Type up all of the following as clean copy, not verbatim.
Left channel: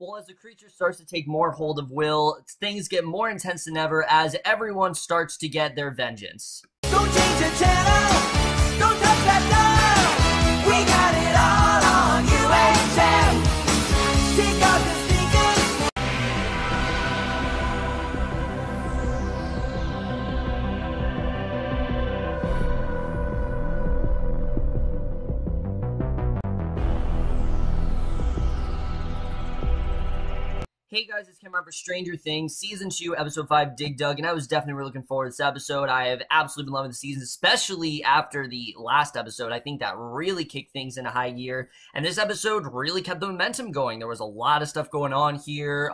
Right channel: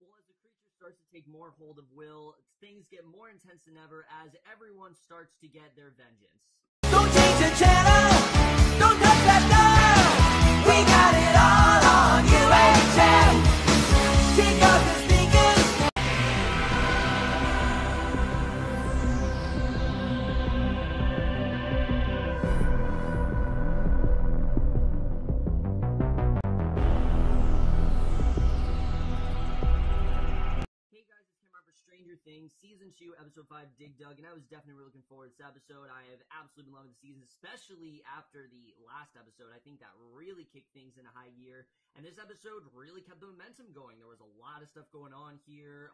Well, as the creature starts to take more hold of Will, things get more intense than ever as everyone starts to get their vengeance. Don't change the channel, don't touch that dial. We got it all on UHF. Take off your sneakers. Hey guys, it's Kim for Stranger Things, Season 2, Episode 5, Dig Dug, and I was definitely really looking forward to this episode. I have absolutely been loving the season, especially after the last episode. I think that really kicked things into high gear, and this episode really kept the momentum going. There was a lot of stuff going on here.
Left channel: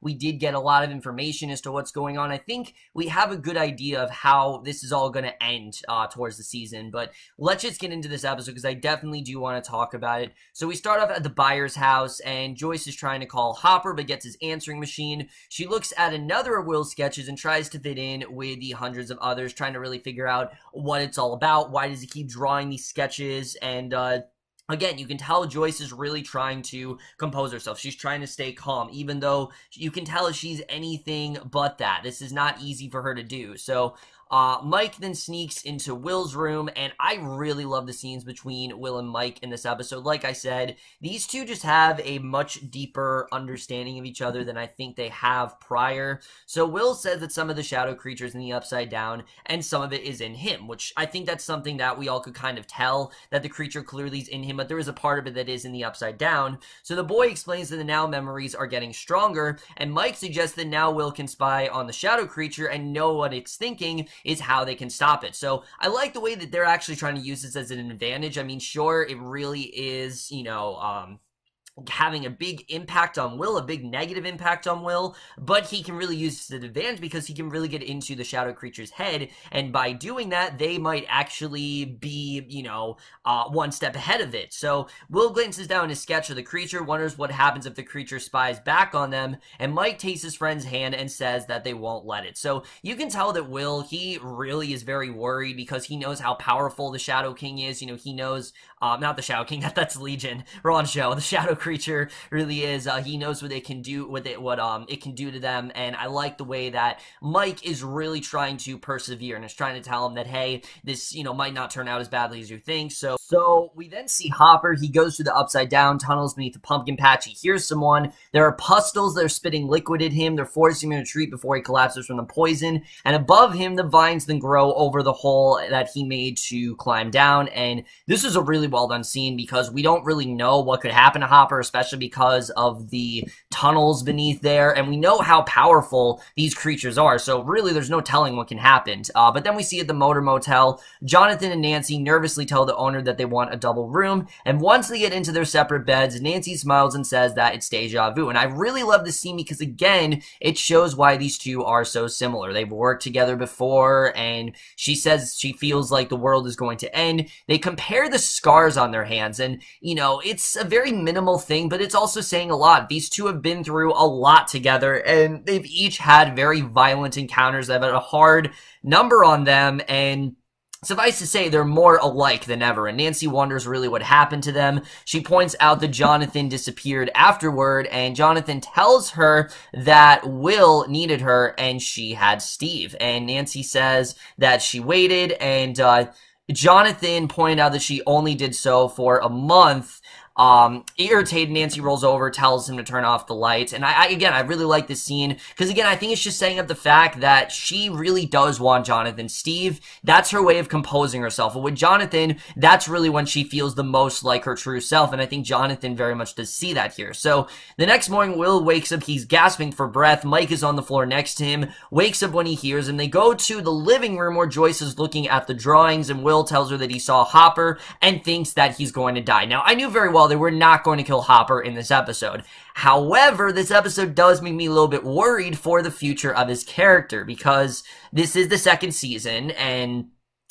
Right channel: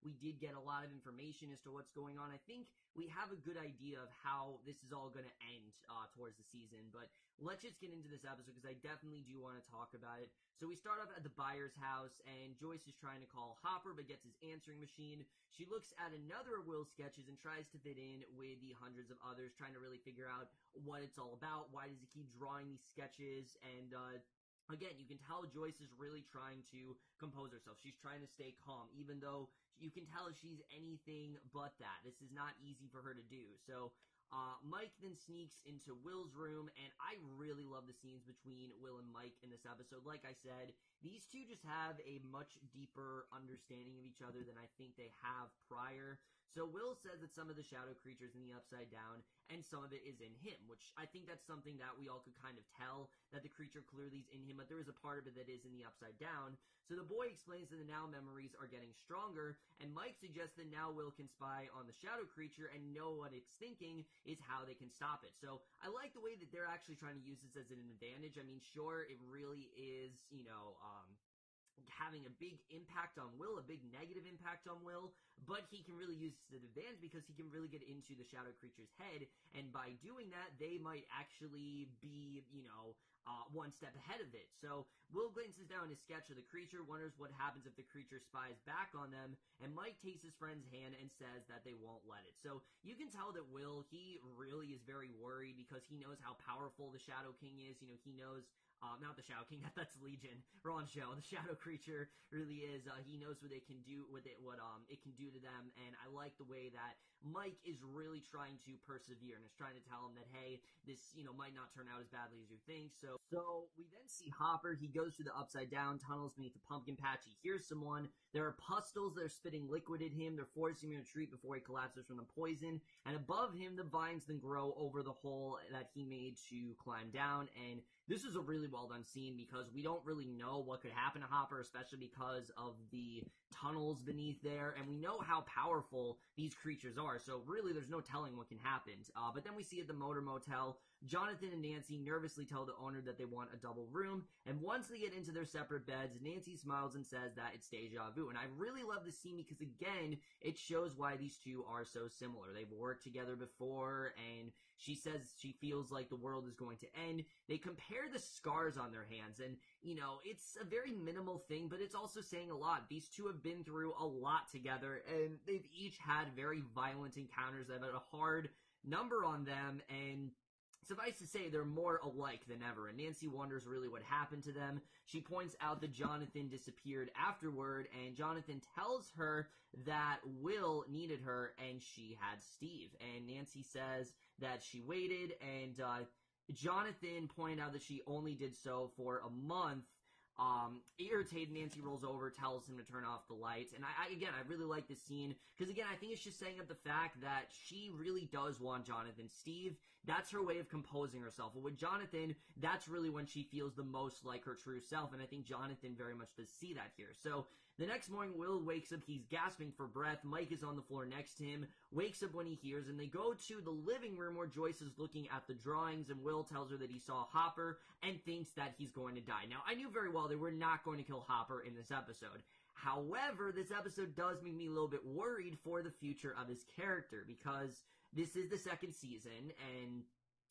We did get a lot of information as to what's going on. I think we have a good idea of how this is all going to end towards the season, but let's just get into this episode because I definitely do want to talk about it. So we start off at the Byers' house, and Joyce is trying to call Hopper, but gets his answering machine. She looks at another of Will's sketches and tries to fit in with the hundreds of others, trying to really figure out what it's all about. Why does he keep drawing these sketches? And again, you can tell Joyce is really trying to compose herself. She's trying to stay calm, even though you can tell she's anything but that. This is not easy for her to do. So Mike then sneaks into Will's room, and I really love the scenes between Will and Mike in this episode. Like I said, these two just have a much deeper understanding of each other than I think they have prior. So Will says that some of the shadow creatures in the Upside Down, and some of it is in him, which I think that's something that we all could kind of tell, that the creature clearly is in him, but there is a part of it that is in the Upside Down. So the boy explains that the now memories are getting stronger, and Mike suggests that now Will can spy on the shadow creature and know what it's thinking, is how they can stop it. So I like the way that they're actually trying to use this as an advantage. I mean, sure, it really is, you know, having a big impact on Will, a big negative impact on Will, but he can really use this as an advantage because he can really get into the shadow creature's head, and by doing that, they might actually be, you know, one step ahead of it. So Will glances down his sketch of the creature, wonders what happens if the creature spies back on them, and Mike takes his friend's hand and says that they won't let it. So you can tell that Will, he really is very worried because he knows how powerful the Shadow King is. You know, he knows, not the Shadow King, that's Legion, wrong show, the Shadow creature really is. He knows what it can do with it, what it can do to them, and I like the way that Mike is really trying to persevere and is trying to tell him that, hey, this, you know, might not turn out as badly as you think. So we then see Hopper. He goes through the Upside Down tunnels beneath the pumpkin patch. He hears someone. There are pustles that are spitting liquid at him. They're forcing him to retreat before he collapses from the poison, and above him the vines then grow over the hole that he made to climb down. And this is a really well done scene because we don't really know what could happen to Hopper, especially because of the tunnels beneath there, and we know how powerful these creatures are, so really there's no telling what can happen. But then we see at the motor motel, Jonathan and Nancy nervously tell the owner that they want a double room, and once they get into their separate beds, Nancy smiles and says that it's deja vu. And I really love this scene because, again, it shows why these two are so similar. They've worked together before, and she says she feels like the world is going to end. They compare the scars on their hands, and, you know, it's a very minimal thing, but it's also saying a lot. These two have been through a lot together, and they've each had very violent encounters. They've had a hard number on them, and suffice to say, they're more alike than ever, and Nancy wonders really what happened to them. She points out that Jonathan disappeared afterward, and Jonathan tells her that Will needed her, and she had Steve. And Nancy says that she waited, and Jonathan pointed out that she only did so for a month. Irritated, Nancy rolls over, tells him to turn off the lights, and I really like this scene, because again, I think it's just setting up the fact that she really does want Jonathan. Steve, that's her way of composing herself, and with Jonathan, that's really when she feels the most like her true self, and I think Jonathan very much does see that here. So, the next morning, Will wakes up, he's gasping for breath, Mike is on the floor next to him, wakes up when he hears him. They go to the living room where Joyce is looking at the drawings, and Will tells her that he saw Hopper, and thinks that he's going to die. Now, I knew very well they were not going to kill Hopper in this episode. However, this episode does make me a little bit worried for the future of his character, because this is the second season, and,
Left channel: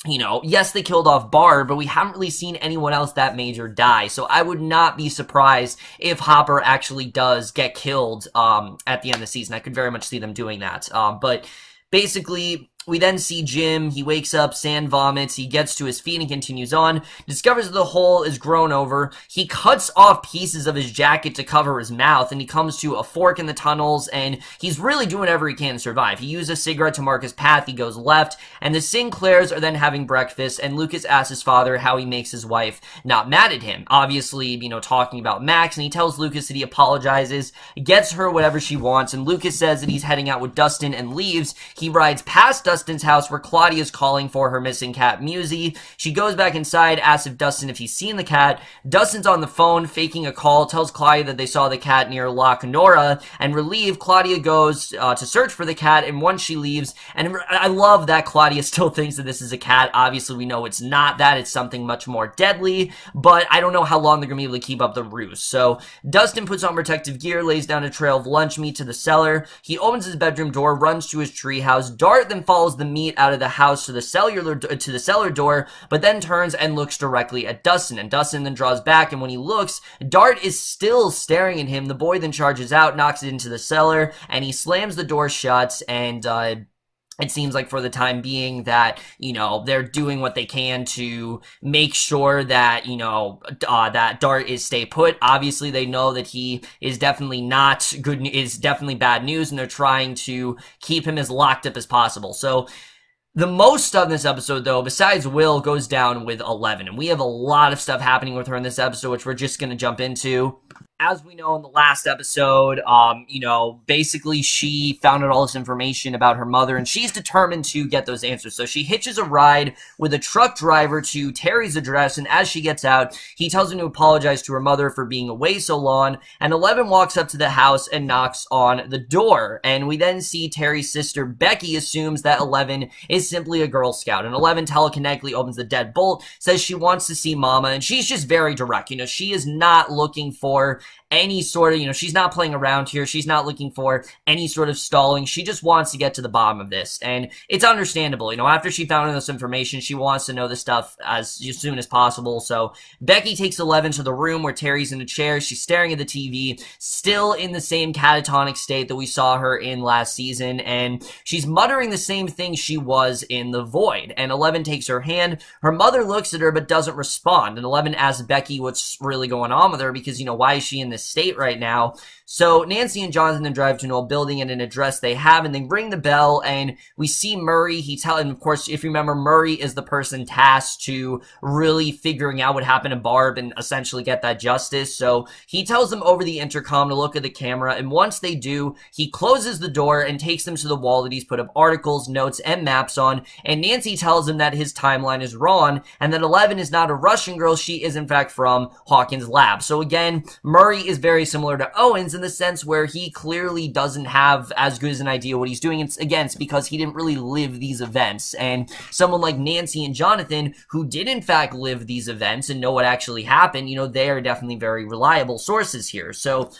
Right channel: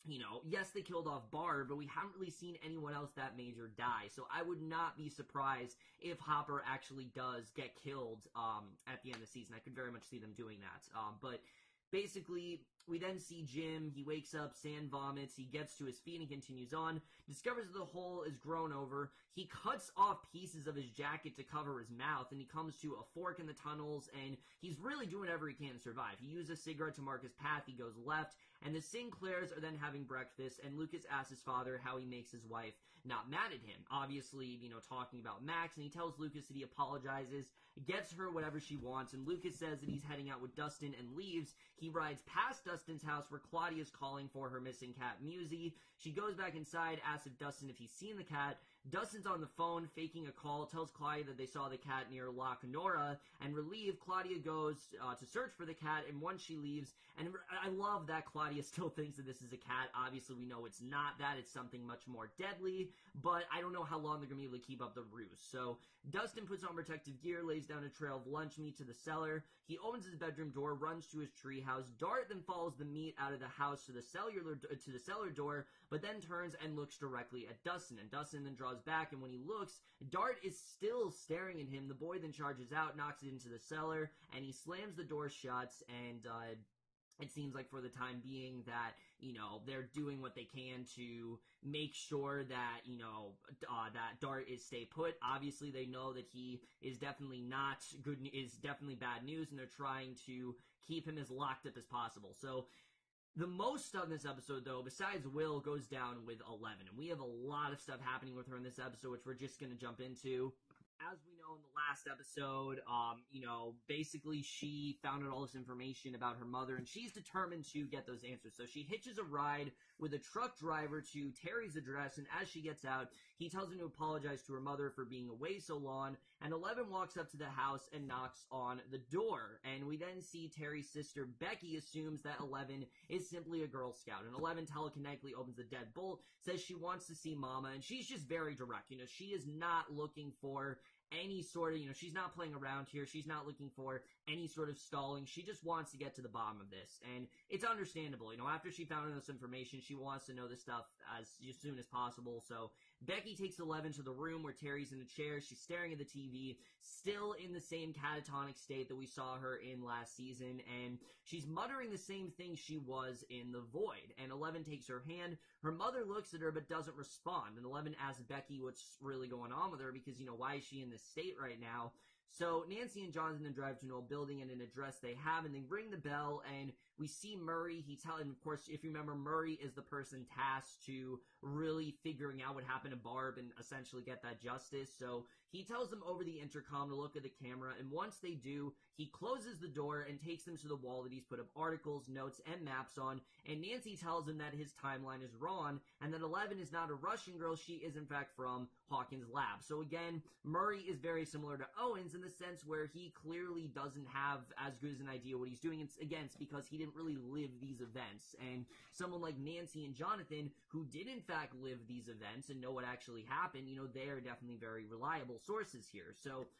you know, yes, they killed off Barb, but we haven't really seen anyone else that major die, so I would not be surprised if Hopper actually does get killed at the end of the season. I could very much see them doing that. But basically, We then see Jim. He wakes up, sand vomits, he gets to his feet and continues on, discovers that the hole is grown over. He cuts off pieces of his jacket to cover his mouth, and he comes to a fork in the tunnels, and he's really doing whatever he can to survive. He uses a cigarette to mark his path, he goes left, and the Sinclairs are then having breakfast, and Lucas asks his father how he makes his wife not mad at him. Obviously, you know, talking about Max, and he tells Lucas that he apologizes, gets her whatever she wants, and Lucas says that he's heading out with Dustin and leaves. He rides past Dustin's house where Claudia's calling for her missing cat, Musi. She goes back inside, asks if he's seen the cat. Dustin's on the phone, faking a call, tells Claudia that they saw the cat near Loch Nora, and relieved, Claudia goes to search for the cat, and once she leaves, and I love that Claudia still thinks that this is a cat. Obviously, we know it's not that. It's something much more deadly, but I don't know how long they're going to be able to keep up the ruse. So, Dustin puts on protective gear, lays down a trail of lunch meat to the cellar. He opens his bedroom door, runs to his treehouse. Dart then follows the meat out of the house to the cellar door, but then turns and looks directly at Dustin, and Dustin then draws back, and when he looks, Dart is still staring at him. The boy then charges out, knocks it into the cellar, and he slams the door shut, and it seems like for the time being that, you know, they're doing what they can to make sure that, you know, that Dart is stay put. Obviously, they know that he is definitely not good, is definitely bad news, and they're trying to keep him as locked up as possible. So, the most of this episode, though, besides Will, goes down with 11, and we have a lot of stuff happening with her in this episode, which we're just going to jump into. As we know in the last episode, you know, basically she found out all this information about her mother, and she's determined to get those answers. So she hitches a ride with a truck driver to Terry's address, and as she gets out, he tells her to apologize to her mother for being away so long, and 11 walks up to the house and knocks on the door. And we then see Terry's sister, Becky, assumes that 11 is simply a Girl Scout, and 11 telekinetically opens the deadbolt, says she wants to see Mama, and she's just very direct. You know, she is not looking for any sort of, you know, she's not playing around here. She's not looking for any sort of stalling. She just wants to get to the bottom of this. And it's understandable. You know, after she found out this information, she wants to know this stuff as soon as possible. So Becky takes 11 to the room where Terry's in a chair. She's staring at the TV, still in the same catatonic state that we saw her in last season. And she's muttering the same thing she was in the void. And 11 takes her hand. Her mother looks at her but doesn't respond. And 11 asks Becky what's really going on with her because, you know, why is she in this state right now? So Nancy and Jonathan then drive to an old building and an address they have, and they ring the bell, and we see Murray. And of course, if you remember, Murray is the person tasked to really figuring out what happened to Barb and essentially get that justice. So he tells them over the intercom to look at the camera, and once they do, he closes the door and takes them to the wall that he's put up articles, notes, and maps on, and Nancy tells him that his timeline is wrong, and that 11 is not a Russian girl, she is in fact from Hawkins' lab. So again, Murray is very similar to Owens in the sense where he clearly doesn't have as good as an idea what he's doing. It's because he didn't really live these events. And someone like Nancy and Jonathan, who did in fact live these events and know what actually happened, you know, they are definitely very reliable sources here. So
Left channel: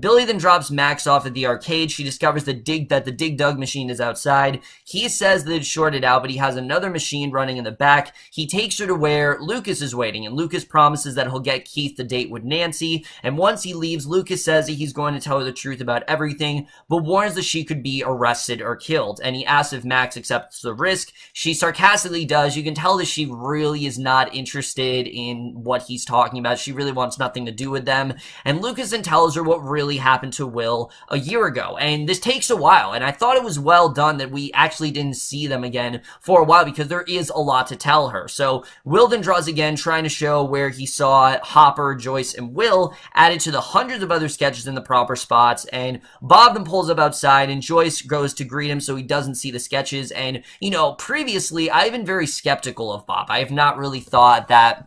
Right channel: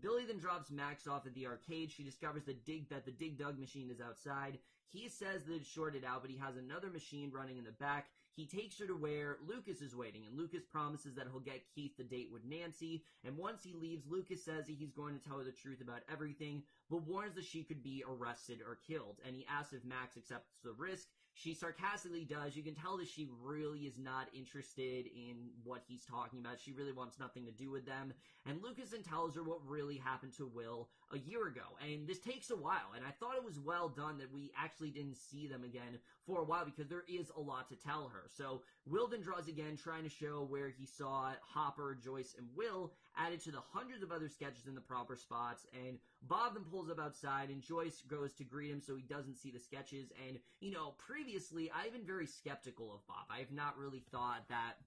Billy then drops Max off at the arcade. She discovers that the Dig Dug machine is outside. He says that it's shorted out, but he has another machine running in the back. He takes her to where Lucas is waiting, and Lucas promises that he'll get Keith the date with Nancy. And once he leaves, Lucas says that he's going to tell her the truth about everything, but warns that she could be arrested or killed. And he asks if Max accepts the risk. She sarcastically does. You can tell that she really is not interested in what he's talking about. She really wants nothing to do with them. And Lucas then tells her what really happened to Will a year ago, and this takes a while, and I thought it was well done that we actually didn't see them again for a while because there is a lot to tell her. So Will then draws again, trying to show where he saw Hopper, Joyce, and Will added to the hundreds of other sketches in the proper spots, and Bob then pulls up outside, and Joyce goes to greet him so he doesn't see the sketches. And, you know, previously I've been very skeptical of Bob. I have not really thought that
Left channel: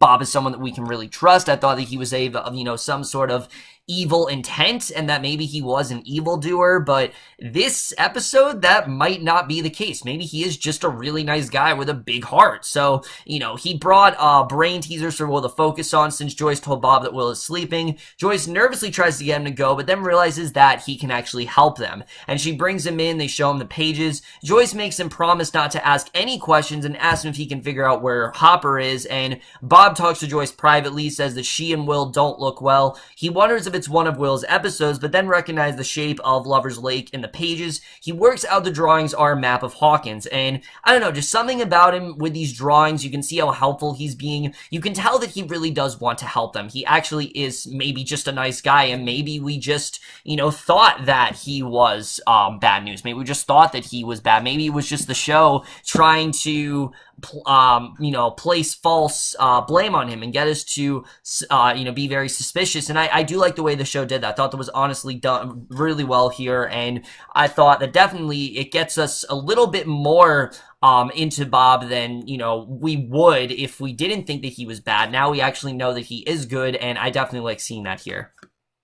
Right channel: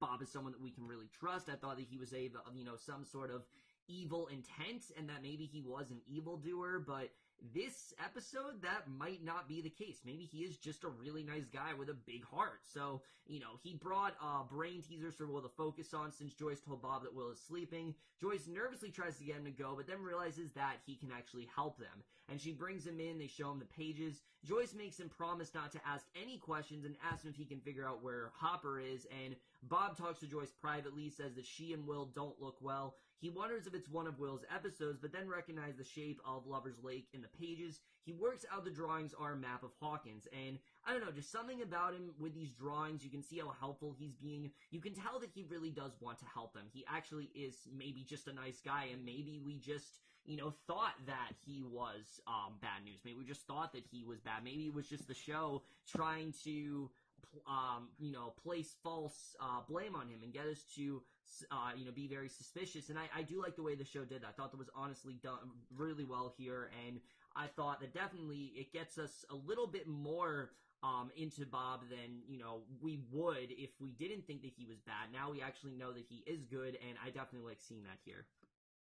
Bob is someone that we can really trust. I thought that he was some sort of evil intent and that maybe he was an evildoer, but this episode, that might not be the case. Maybe he is just a really nice guy with a big heart. So, you know, he brought brain teasers for Will to focus on since Joyce told Bob that Will is sleeping. Joyce nervously tries to get him to go, but then realizes that he can actually help them. And she brings him in, they show him the pages. Joyce makes him promise not to ask any questions and asks him if he can figure out where Hopper is, and Bob talks to Joyce privately, says that she and Will don't look well. He wonders if if it's one of Will's episodes, but then recognized the shape of Lover's Lake in the pages. He works out the drawings are a map of Hawkins, and I don't know, just something about him with these drawings. You can see how helpful he's being. You can tell that he really does want to help them. He actually is maybe just a nice guy, and maybe we just, thought that he was bad news. Maybe we just thought that he was bad. Maybe it was just the show trying to place false blame on him and get us to, be very suspicious. And I do like the way the show did that. I thought that was honestly done really well here, and I thought that definitely it gets us a little bit more into Bob than, we would if we didn't think that he was bad. Now we actually know that he is good, and I definitely like seeing that here.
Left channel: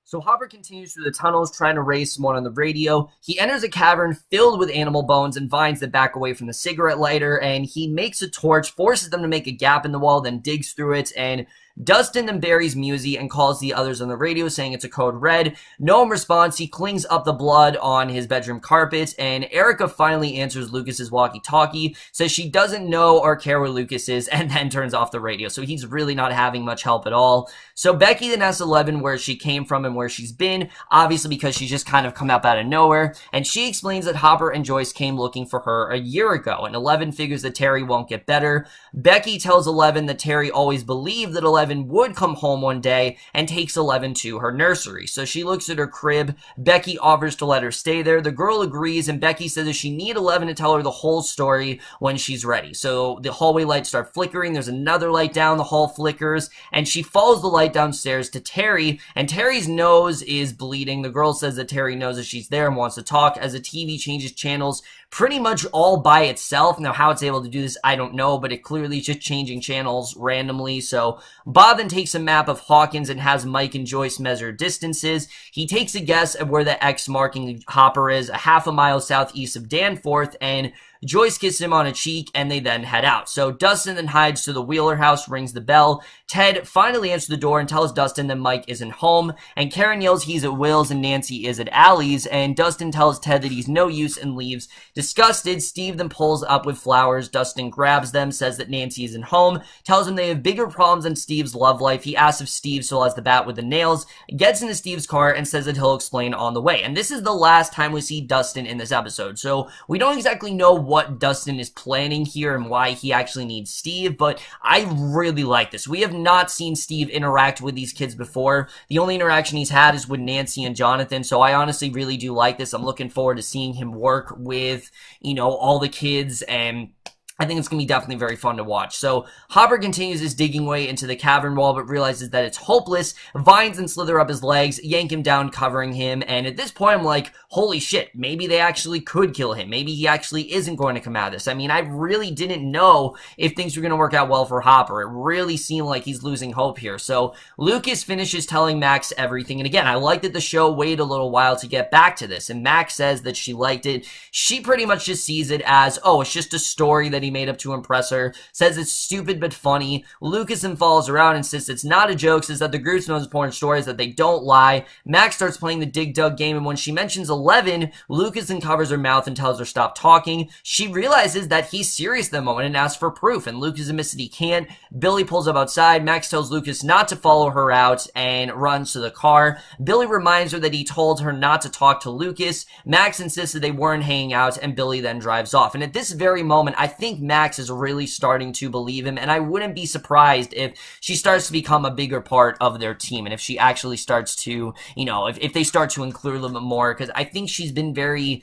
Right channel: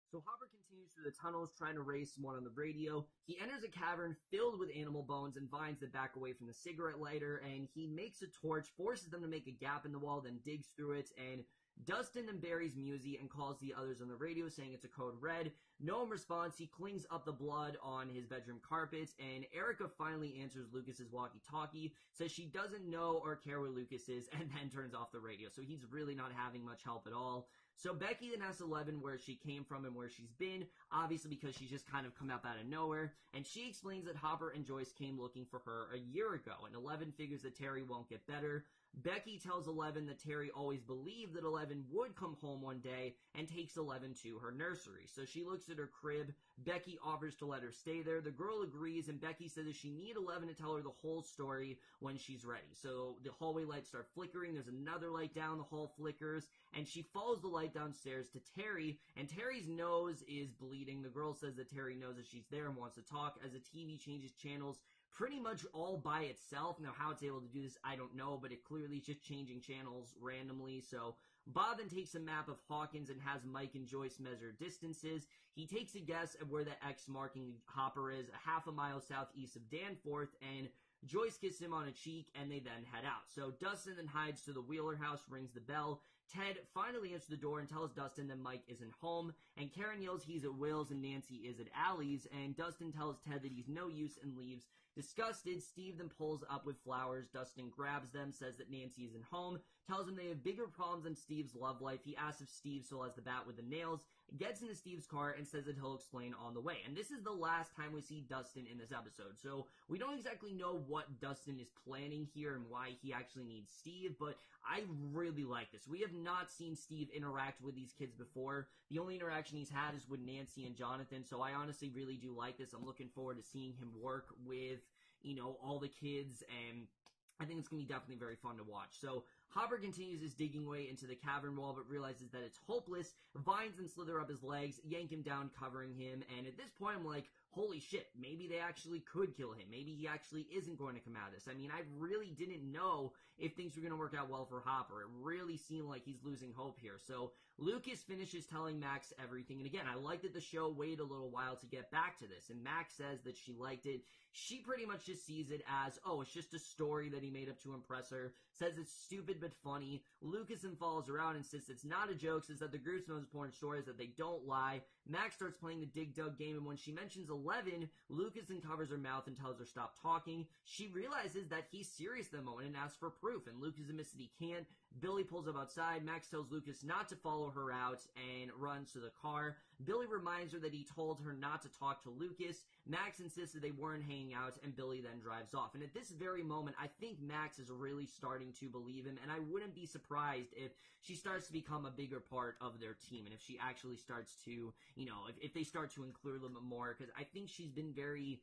So Harbour continues through the tunnels, trying to raise someone on the radio. He enters a cavern filled with animal bones and vines that back away from the cigarette lighter, and he makes a torch, forces them to make a gap in the wall, then digs through it, and Dustin then buries Musey and calls the others on the radio saying it's a code red. No one responds. He cleans up the blood on his bedroom carpet, and Erica finally answers Lucas's walkie-talkie, says she doesn't know or care where Lucas is, and then turns off the radio. So he's really not having much help at all. So Becky then asks Eleven where she came from and where she's been, obviously because she's just kind of come up out of nowhere, and she explains that Hopper and Joyce came looking for her a year ago, and Eleven figures that Terry won't get better. Becky tells Eleven that Terry always believed that Eleven would come home one day, and takes Eleven to her nursery. So she looks at her crib. Becky offers to let her stay there. The girl agrees, and Becky says that she needs 11 to tell her the whole story when she's ready. So the hallway lights start flickering. There's another light down. The hall flickers, and she follows the light downstairs to Terry, and Terry's nose is bleeding. The girl says that Terry knows that she's there and wants to talk as the TV changes channels pretty much all by itself. Now, how it's able to do this, I don't know, but it clearly is just changing channels randomly. So Bob then takes a map of Hawkins and has Mike and Joyce measure distances. He takes a guess at where the X marking Hopper is, a half a mile southeast of Danforth, and Joyce kisses him on a cheek, and they then head out. So Dustin then hides to the Wheeler house, rings the bell. Ted finally answers the door and tells Dustin that Mike isn't home, and Karen yells he's at Will's and Nancy is at Allie's, and Dustin tells Ted that he's no use and leaves. Disgusted, Steve then pulls up with flowers. Dustin grabs them, says that Nancy isn't home, tells him they have bigger problems than Steve's love life. He asks if Steve still has the bat with the nails, gets into Steve's car, and says that he'll explain on the way. And this is the last time we see Dustin in this episode, so we don't exactly know what Dustin is planning here and why he actually needs Steve, but I really like this. We have not seen Steve interact with these kids before. The only interaction he's had is with Nancy and Jonathan, so I honestly really do like this. I'm looking forward to seeing him work with, all the kids, and I think it's going to be definitely very fun to watch. So Hopper continues his digging way into the cavern wall, but realizes that it's hopeless. Vines then slither up his legs, yank him down, covering him. And at this point, I'm like, holy shit, maybe they actually could kill him. Maybe he actually isn't going to come out of this. I mean, I really didn't know if things were going to work out well for Hopper. It really seemed like he's losing hope here. So Lucas finishes telling Max everything. And again, I like that the show waited a little while to get back to this. And Max says that she liked it. She pretty much just sees it as, oh, it's just a story that he made up to impress her, says it's stupid but funny. Lucas then follows around and insists it's not a joke, says that the group's most important stories, that they don't lie. Max starts playing the Dig Dug game, and when she mentions 11, Lucas then covers her mouth and tells her stop talking. She realizes that he's serious at the moment and asks for proof, and Lucas admits that he can't. Billy pulls up outside. Max tells Lucas not to follow her out and runs to the car. Billy reminds her that he told her not to talk to Lucas. Max insists that they weren't hanging out, and Billy then drives off. And at this very moment, I think Max is really starting to believe him, and I wouldn't be surprised if she starts to become a bigger part of their team, and if she actually starts to, if they start to include a little bit more, because I think she's been very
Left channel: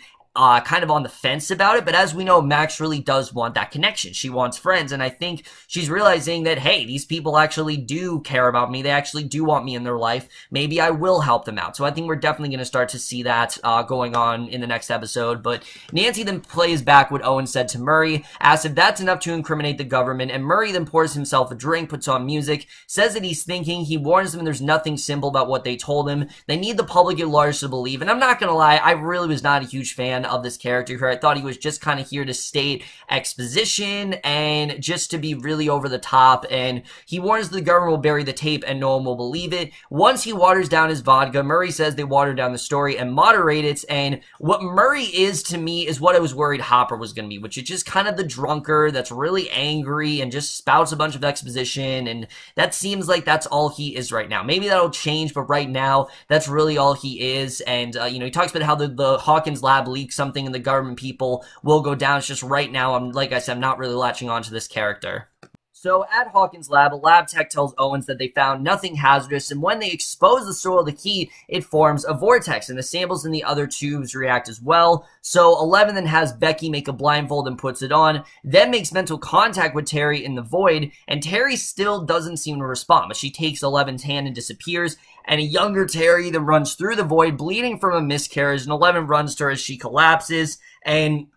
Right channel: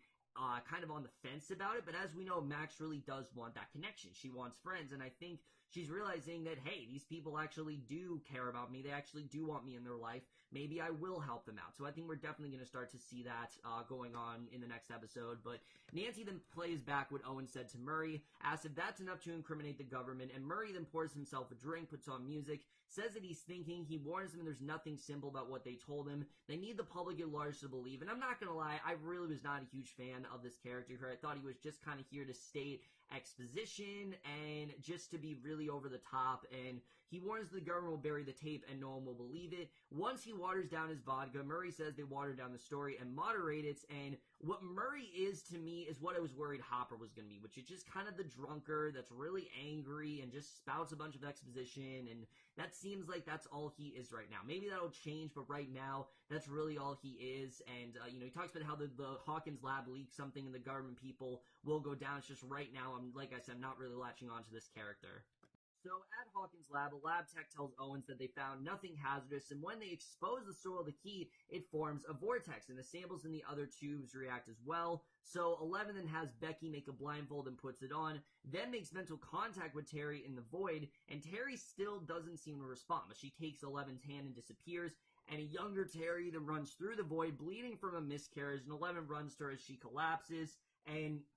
kind of on the fence about it, but as we know, Max really does want that connection. She wants friends, and I think she's realizing that, hey, these people actually do care about me. They actually do want me in their life. Maybe I will help them out. So I think we're definitely going to start to see that going on in the next episode. But Nancy then plays back what Owen said to Murray, asks if that's enough to incriminate the government, and Murray then pours himself a drink, puts on music, says that he's thinking. He warns them there's nothing simple about what they told him. They need the public at large to believe, and I'm not going to lie, I really was not a huge fan of this character here. I thought he was just kind of here to state exposition and just to be really over the top, and he warns the government will bury the tape and no one will believe it. Once he waters down his vodka, Murray says they watered down the story and moderate it, and what Murray is to me is what I was worried Hopper was going to be, which is just kind of the drunkard that's really angry and just spouts a bunch of exposition, and that seems like that's all he is right now. Maybe that'll change, but right now, that's really all he is, and, he talks about how the Hawkins lab leaked something and the government people will go down. It's just right now, like I said, I'm not really latching on to this character. So at Hawkins' lab, a lab tech tells Owens that they found nothing hazardous, and when they expose the soil of the key, it forms a vortex, and the samples in the other tubes react as well. So 11 then has Becky make a blindfold and puts it on, then makes mental contact with Terry in the void, and Terry still doesn't seem to respond, but she takes 11's hand and disappears, and a younger Terry then runs through the void, bleeding from a miscarriage, and 11 runs to her as she collapses, and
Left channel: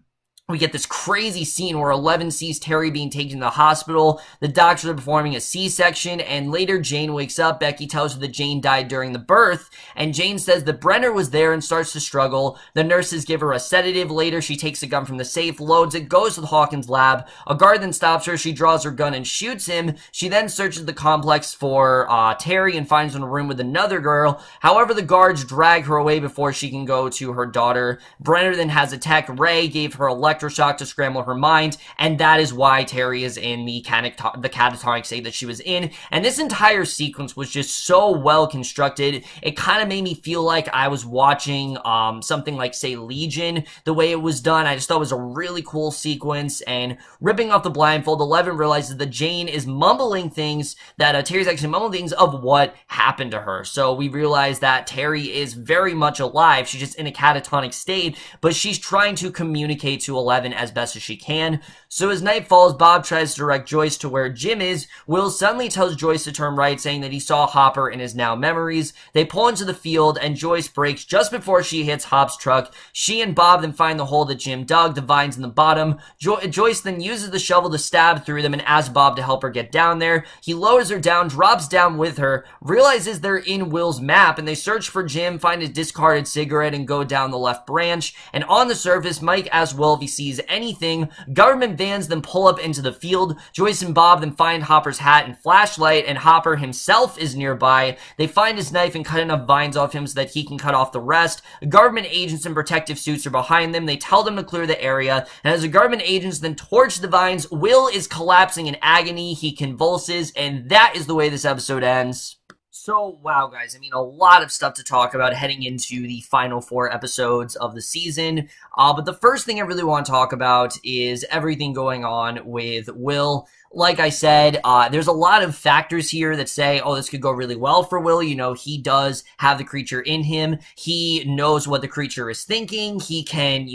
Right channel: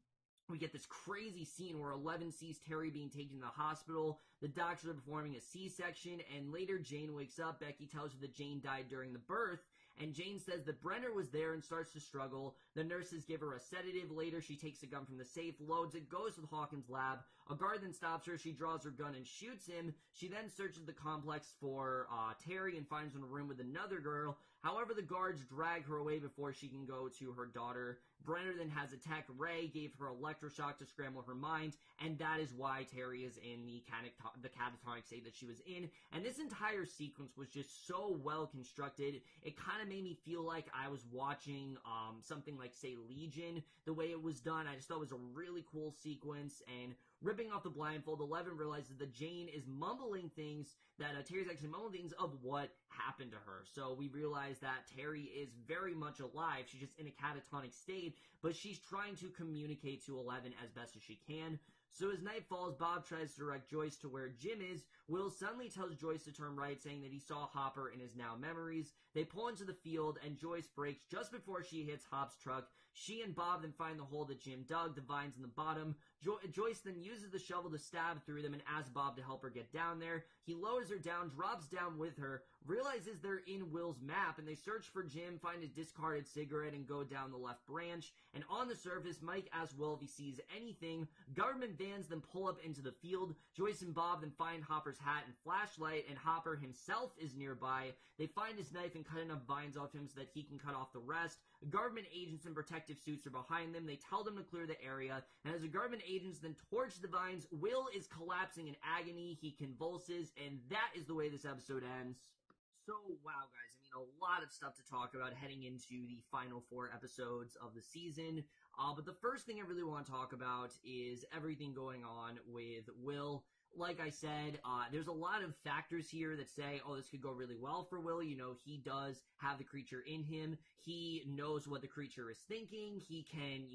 we get this crazy scene where 11 sees Terry being taken to the hospital. The doctors are performing a C-section, and later Jane wakes up. Becky tells her that Jane died during the birth, and Jane says that Brenner was there and starts to struggle. The nurses give her a sedative. Later, she takes a gun from the safe, loads it, goes to the Hawkins lab. A guard then stops her. She draws her gun and shoots him. She then searches the complex for Terry and finds her in a room with another girl. However, the guards drag her away before she can go to her daughter. Brenner then has attacked Ray, gave her electroshock to scramble her mind, and that is why Terry is in the catatonic state that she was in. And this entire sequence was just so well constructed. It kind of made me feel like I was watching something like, say, Legion, the way it was done. I just thought it was a really cool sequence. And ripping off the blindfold, 11 realizes that Jane is mumbling things, that Terry's actually mumbling things of what happened to her. So we realize that Terry is very much alive. She's just in a catatonic state, but she's trying to communicate to 11 as best as she can. So as night falls, Bob tries to direct Joyce to where Jim is. Will suddenly tells Joyce to turn right, saying that he saw Hopper in his now memories. They pull into the field, and Joyce brakes just before she hits Hop's truck. She and Bob then find the hole that Jim dug, the vines in the bottom. Joyce then uses the shovel to stab through them and asks Bob to help her get down there. He lowers her down, drops down with her, realizes they're in Will's map, and they search for Jim, find his discarded cigarette, and go down the left branch. And on the surface, Mike asks Will if he sees anything. Government vans then pull up into the field. Joyce and Bob then find Hopper's hat and flashlight, and Hopper himself is nearby. They find his knife and cut enough vines off him so that he can cut off the rest. Government agents in protective suits are behind them. They tell them to clear the area, and as the government agents then torch the vines, Will is collapsing in agony. He convulses, and that is the way this episode ends. So, wow, guys, I mean, a lot of stuff to talk about heading into the final 4 episodes of the season, but the first thing I really want to talk about is everything going on with Will. Like I said, there's a lot of factors here that say, oh, this could go really well for Will. You know, he does have the creature in him. He knows what the creature is thinking. He can,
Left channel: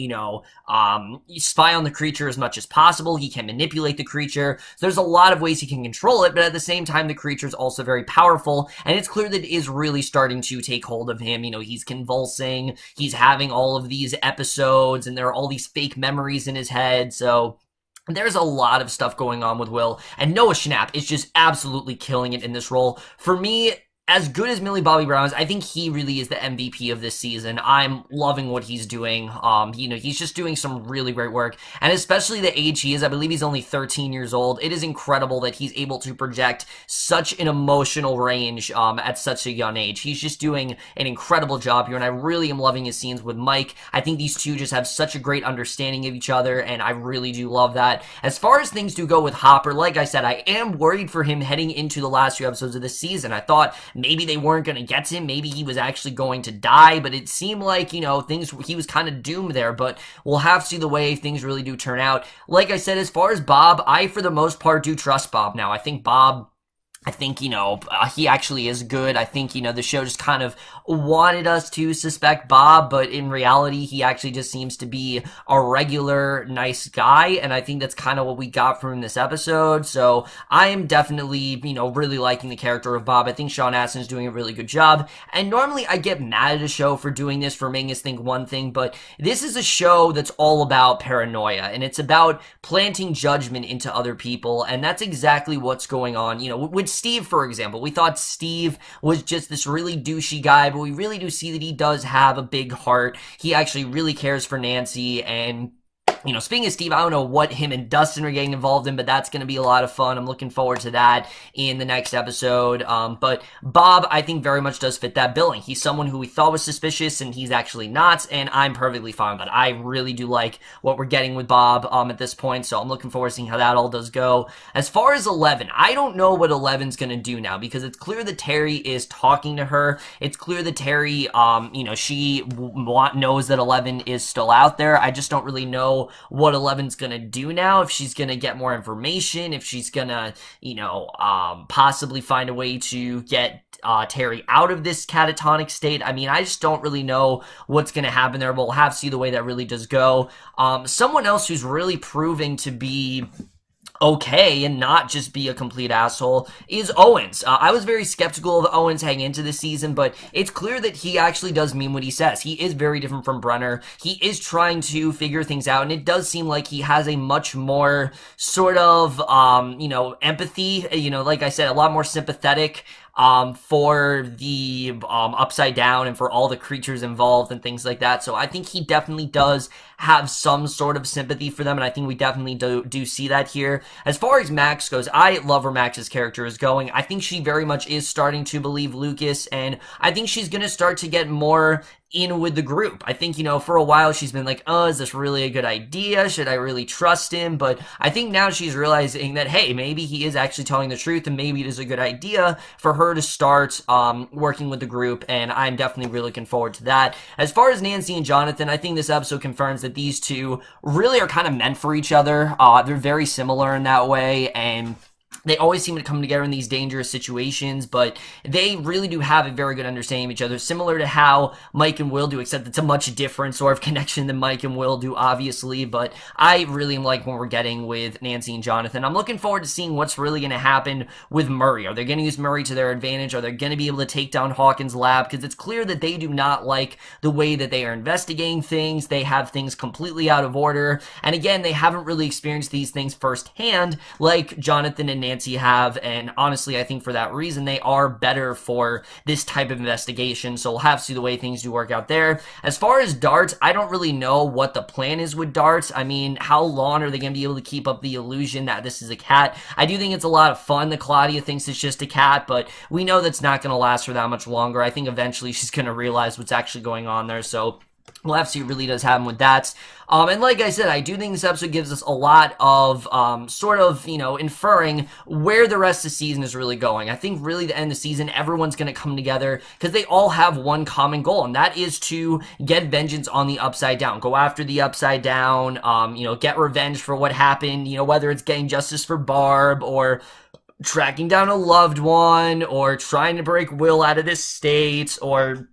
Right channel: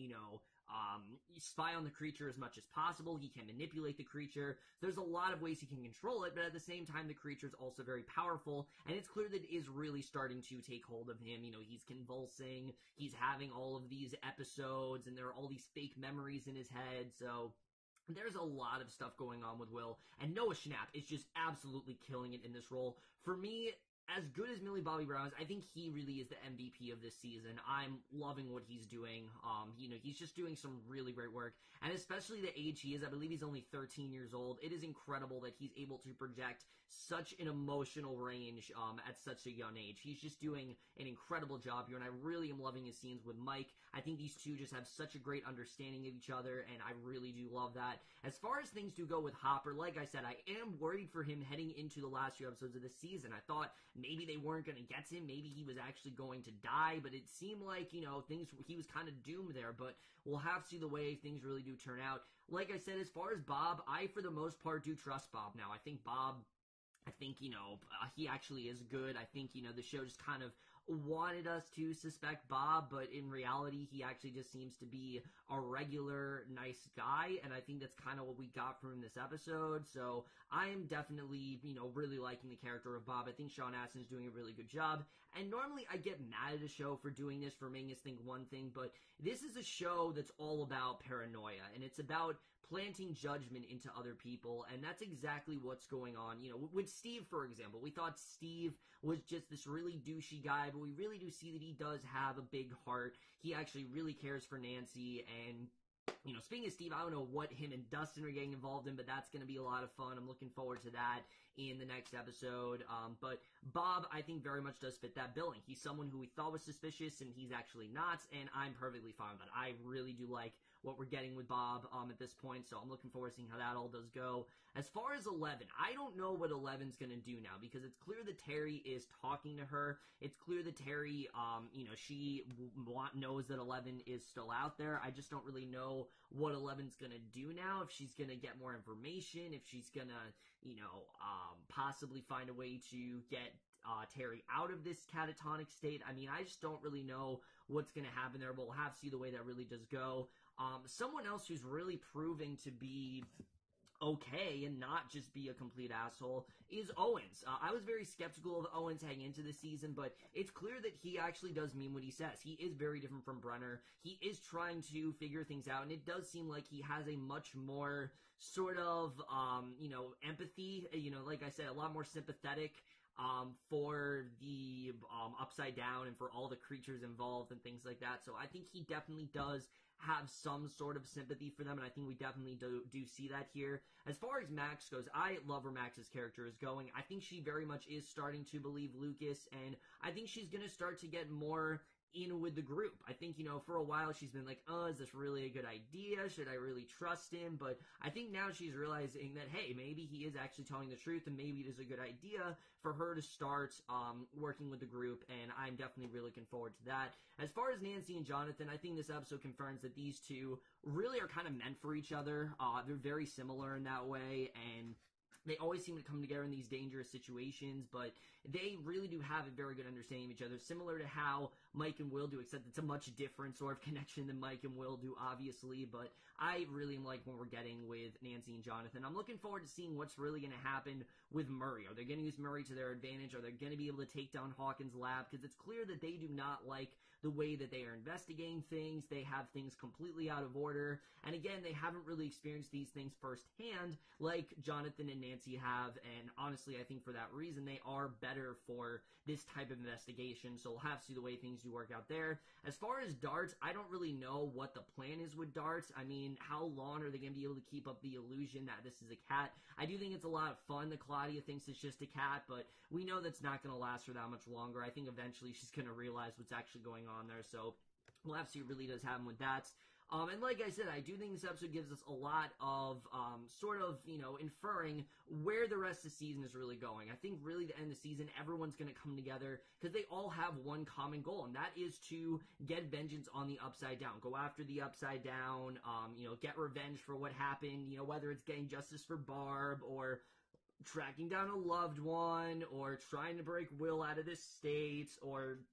spy on the creature as much as possible. He can manipulate the creature. So there's a lot of ways he can control it, but at the same time, the creature is also very powerful, and it's clear that it is really starting to take hold of him. You know, he's convulsing. He's having all of these episodes, and there are all these fake memories in his head, so there's a lot of stuff going on with Will, and Noah Schnapp is just absolutely killing it in this role. For me, as good as Millie Bobby Brown is, I think he really is the MVP of this season. I'm loving what he's doing. He's just doing some really great work, and especially the age he is. I believe he's only 13 years old. It is incredible that he's able to project such an emotional range at such a young age. He's just doing an incredible job here, and I really am loving his scenes with Mike. I think these two just have such a great understanding of each other, and I really do love that. As far as things do go with Hopper, like I said, I am worried for him heading into the last few episodes of this season. I thought maybe they weren't going to get to him. Maybe he was actually going to die, but it seemed like, he was kind of doomed there, but we'll have to see the way things really do turn out. Like I said, as far as Bob, I, for the most part, do trust Bob now. I think he actually is good. I think, the show just kind of wanted us to suspect Bob, but in reality, he actually just seems to be a regular, nice guy, and I think that's kind of what we got from this episode. So I am definitely, really liking the character of Bob. I think Sean Astin is doing a really good job, and normally I get mad at a show for doing this, for making us think one thing, but this is a show that's all about paranoia, and it's about planting judgment into other people, and that's exactly what's going on, with Steve, for example. We thought Steve was just this really douchey guy but we really do see that he does have a big heart. He actually really cares for Nancy, and you know, speaking of Steve, I don't know what him and Dustin are getting involved in, but that's going to be a lot of fun. I'm looking forward to that in the next episode. But Bob, I think, very much does fit that billing. He's someone who we thought was suspicious, and he's actually not, and I'm perfectly fine with that. I really do like what we're getting with Bob at this point, so I'm looking forward to seeing how that all does go. As far as 11, I don't know what 11's going to do now, because it's clear that Terry is talking to her. It's clear that Terry, you know, she knows that 11 is still out there. I just don't really know what 11's gonna do now, if she's gonna get more information, if she's gonna, you know, possibly find a way to get Terry out of this catatonic state. I mean, I just don't really know what's gonna happen there, but we'll have to see the way that really does go. Someone else who's really proving to be okay and not just be a complete asshole is Owens. I was very skeptical of Owens heading into this season, but it's clear that he actually does mean what he says. He is very different from Brenner. He is trying to figure things out, and it does seem like he has a much more sort of, you know, empathy, you know, like I said, a lot more sympathetic for the Upside Down and for all the creatures involved and things like that. So I think he definitely does have some sort of sympathy for them, and I think we definitely do see that here. As far as Max goes, I love where Max's character is going. I think she very much is starting to believe Lucas, and I think she's going to start to get more in with the group. I think, you know, for a while she's been like, oh, is this really a good idea? Should I really trust him? But I think now she's realizing that, hey, maybe he is actually telling the truth, and maybe it is a good idea for her to start working with the group, and I'm definitely really looking forward to that. As far as Nancy and Jonathan, I think this episode confirms that these two really are kind of meant for each other. They're very similar in that way, and they always seem to come together in these dangerous situations, but they really do have a very good understanding of each other, similar to how Mike and Will do, except it's a much different sort of connection than Mike and Will do, obviously, but I really like what we're getting with Nancy and Jonathan. I'm looking forward to seeing what's really going to happen with Murray. Are they going to use Murray to their advantage? Are they going to be able to take down Hawkins' lab? Because it's clear that they do not like the way that they are investigating things. They have things completely out of order, and again, they haven't really experienced these things firsthand like Jonathan and Nancy have, and honestly, I think for that reason, they are better for this type of investigation, so we'll have to see the way things do work out there. As far as Dart, I don't really know what the plan is with Dart. I mean, how long are they going to be able to keep up the illusion that this is a cat? I do think it's a lot of fun that Claudia thinks it's just a cat, but we know that's not going to last for that much longer. I think eventually she's going to realize what's actually going on there, so we'll have to see what really does happen with that. And like I said, I do think this episode gives us a lot of sort of, you know, inferring where the rest of the season is really going. I think really the end of the season, everyone's going to come together because they all have one common goal, and that is to get vengeance on the Upside Down. Go after the Upside Down, you know, get revenge for what happened, you know, whether it's getting justice for Barb or tracking down a loved one or trying to break Will out of this state or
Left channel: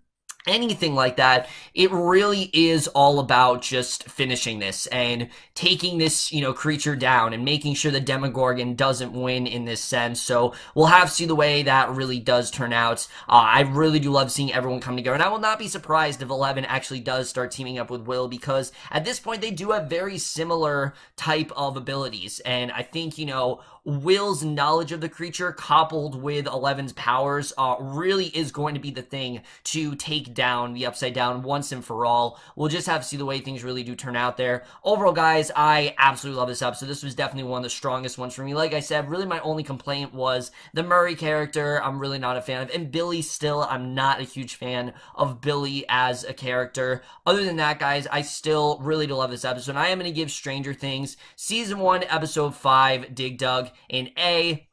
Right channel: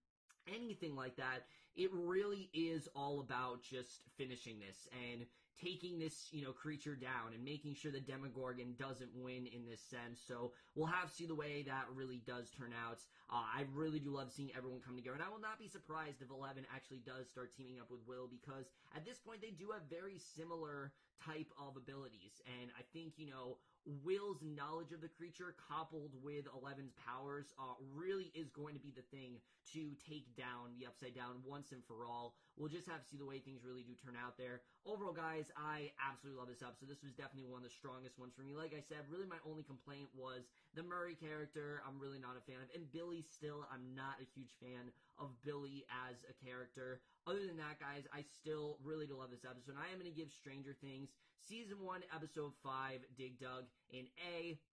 anything like that. It really is all about just finishing this and taking this, you know, creature down and making sure the Demogorgon doesn't win in this sense. So we'll have to see the way that really does turn out. I really do love seeing everyone come together, and I will not be surprised if 11 actually does start teaming up with Will, because at this point they do have very similar type of abilities, and I think, you know, Will's knowledge of the creature coupled with 11's powers really is going to be the thing to take down the Upside Down once and for all. We'll just have to see the way things really do turn out there. Overall, guys, I absolutely love this episode. This was definitely one of the strongest ones for me. Like I said, really my only complaint was the Murray character. I'm really not a fan of, and Billy still, I'm not a huge fan of Billy as a character. Other than that, guys, I still really do love this episode. I am going to give Stranger Things Season 1, Episode 5, Dig Dug, an A-.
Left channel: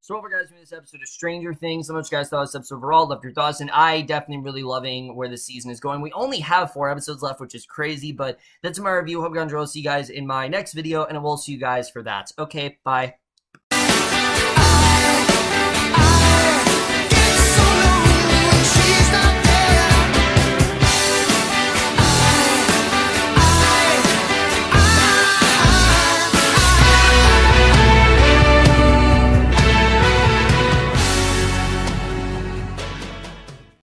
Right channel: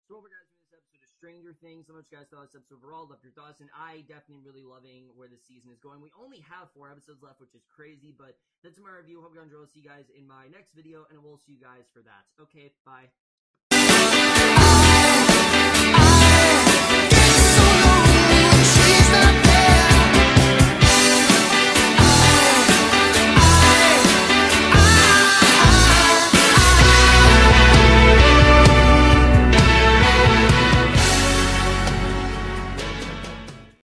So overall, guys, this episode of Stranger Things. So much you guys thought of this episode overall. Left your thoughts, and I definitely really loving where the season is going. We only have 4 episodes left, which is crazy, but that's my review. Hope you guys enjoy. I'll see you guys in my next video, and I will see you guys for that. Okay, bye.